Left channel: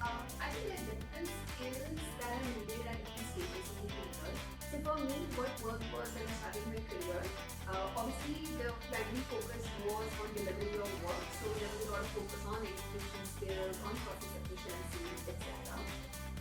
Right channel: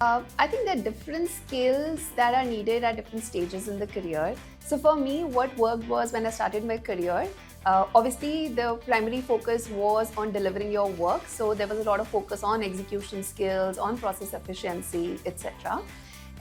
I think there are different skills that are needed at different stages in the career. So for me, what worked was when I started my career. Obviously, the primary focus was on delivering your work. So there was a lot of focus on execution skills, on process efficiency, etc.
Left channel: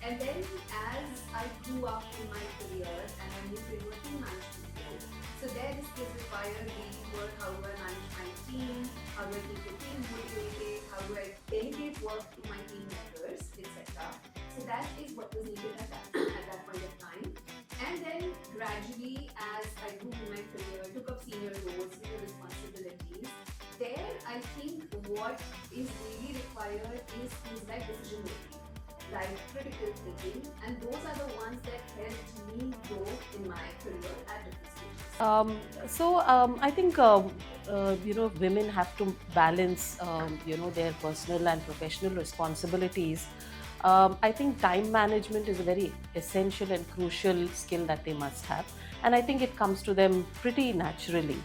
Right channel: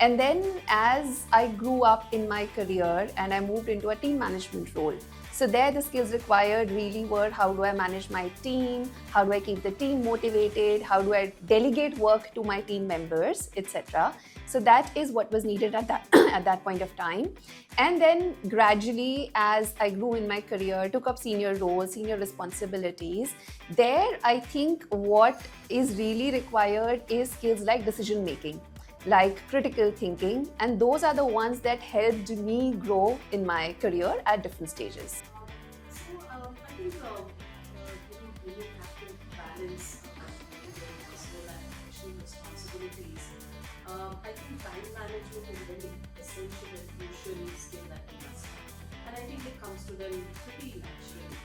And then as I grew up in my career and I moved into a team management role, so there the skills required really were how do I manage my team, how do I keep the team motivated, how do I delegate work to my team members, etc. So that is what was needed at that at that point of time. And then gradually as I grew in my career, took up senior roles, senior responsibilities, there I think what is really required is skills like decision making, like critical thinking, and those are the ones that helped me grow in my career at different stages. I think women have to balance their personal and professional responsibilities. I think time management is a very essential and crucial skill that they must have, and I think it comes to them pretty naturally.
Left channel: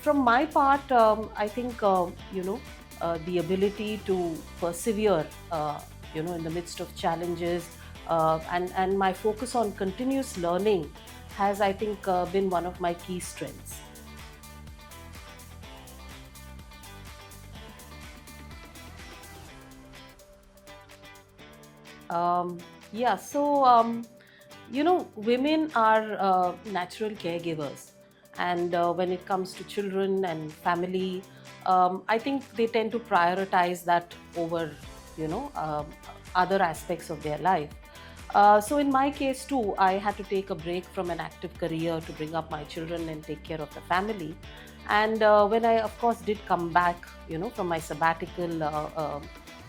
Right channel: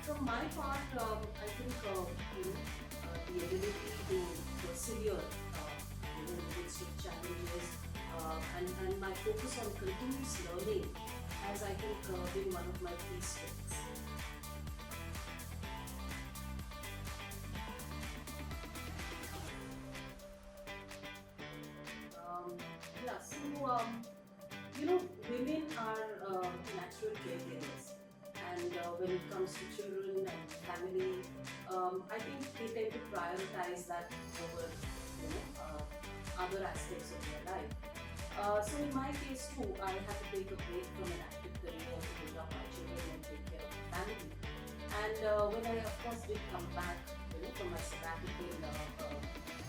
From my part, I think the ability to persevere in the midst of challenges, and my focus on continuous learning has, I think, been one of my key strengths. Um, yeah, so women are natural caregivers, and when it comes to children and family, I think they tend to prioritize that over you know um, other aspects of their life. So in my case too, I had to take a break from an active career to bring up my children and take care of the family. And when I, of course, did come back, from my sabbatical,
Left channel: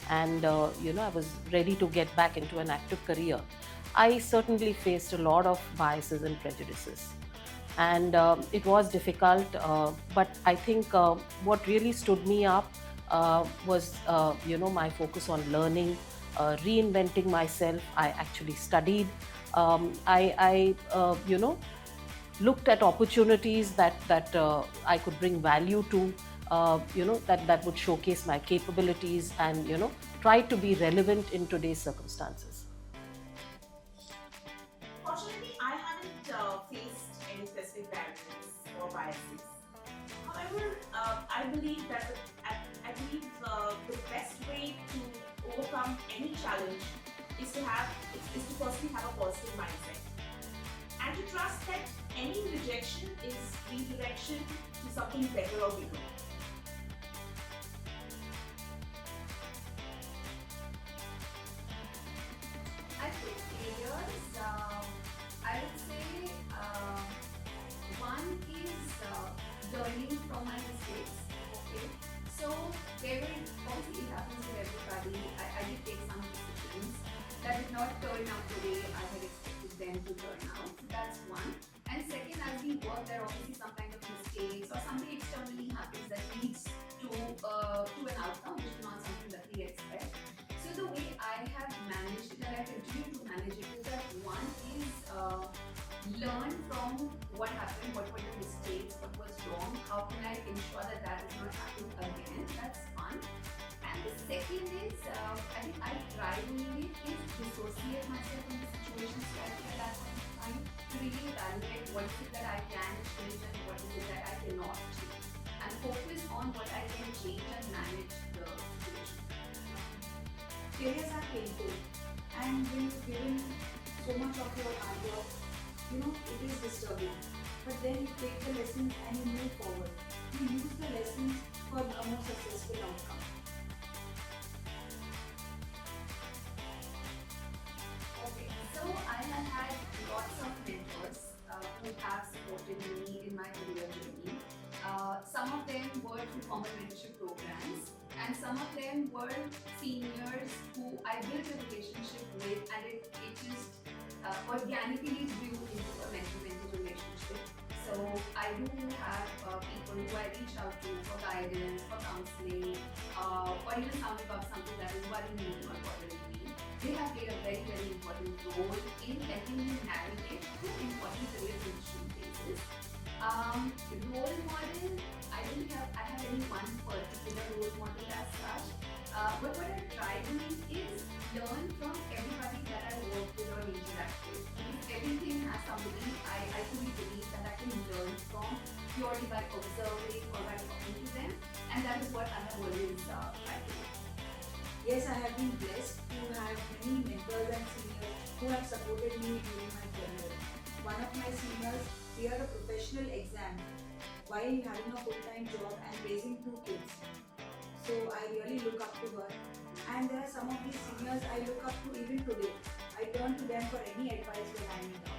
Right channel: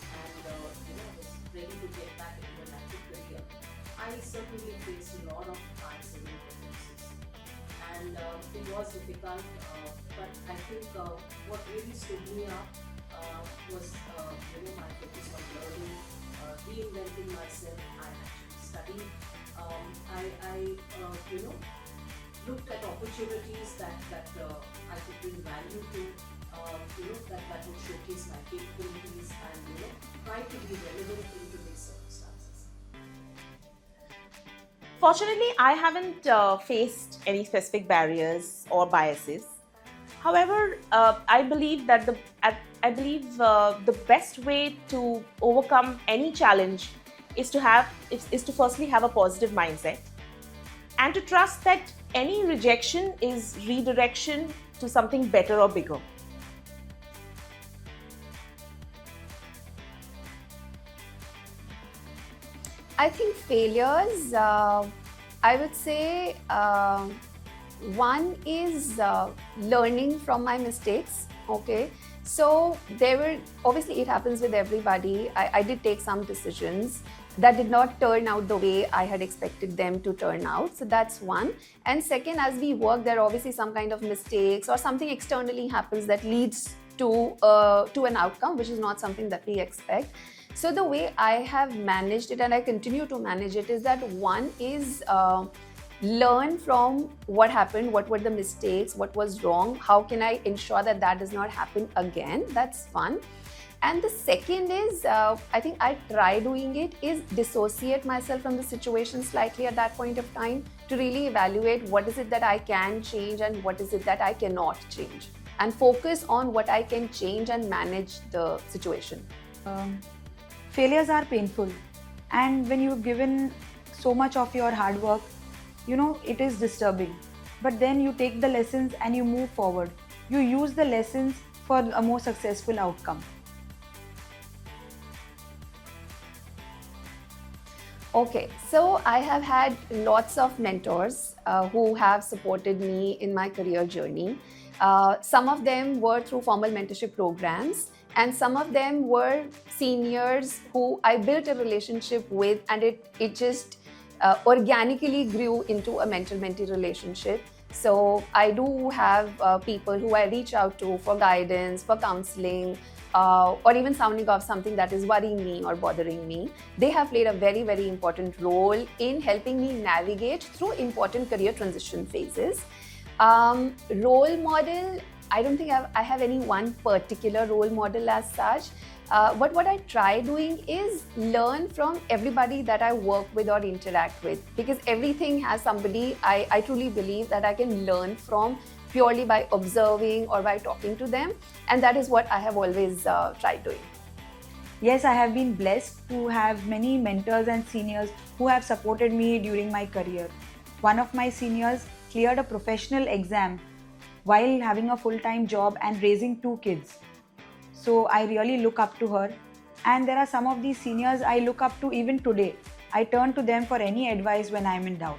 and I was ready to get back into an active career, I certainly faced a lot of biases and prejudices. And it was difficult, but I think what really stood me up was my focus on learning, reinventing myself. I actually studied. I looked at opportunities that I could bring value to, that would showcase my capabilities, and try to be relevant in today's circumstances. Fortunately, I haven't faced any specific barriers or biases. However, I believe that the best way to overcome any challenge is to firstly have a positive mindset and to trust that any rejection is redirection to something better or bigger. I think failures, I would say one is learning from my mistakes. Okay. So there were, obviously it happens with everybody. I did take some decisions that did not turn out the way I had expected them to turn out. So that's one. And second, as we work, there are obviously some kind of mistakes or something externally happens that leads to an outcome which is not something that we expect. So the way I have managed it, and I continue to manage it, is that one is learn from what happened, what were the mistakes, what was wrong, how can I ensure that that does not happen again. That's fun. And the second is, I think I try doing it, is dissociate myself from the situation slightly at that point of time to really evaluate what is it that I can change and what is it that I cannot change, and focus on what I can change and manage the situation. Failures are painful, and when you've given so much of your hard work, it is disturbing. But then you take the lessons and you move forward. You use the lessons for a more successful outcome. Okay, so I have had lots of mentors who have supported me in my career journey. Some of them were through formal mentorship programs, and some of them were seniors who I built a relationship with, and it just organically grew into a mentor-mentee relationship. So I do have people who I reach out to for guidance, for counseling, or even sounding off something that is worrying me or bothering me. They have played a very, very important role in helping me navigate through important career transition phases. Role model, I don't think I have any one particular role model as such. what I try doing is learn from everybody that I work with or interact with, because everything has somebody I truly believe that I can learn from purely by observing or by talking to them, and that is what I have always tried doing. Yes, I have been blessed to have many mentors and seniors who have supported me during my career. One of my seniors cleared a professional exam while having a full-time job and raising 2 kids. So I really look up to her. And there are some of these seniors I look up to even today. I turn to them for any advice when I'm in doubt.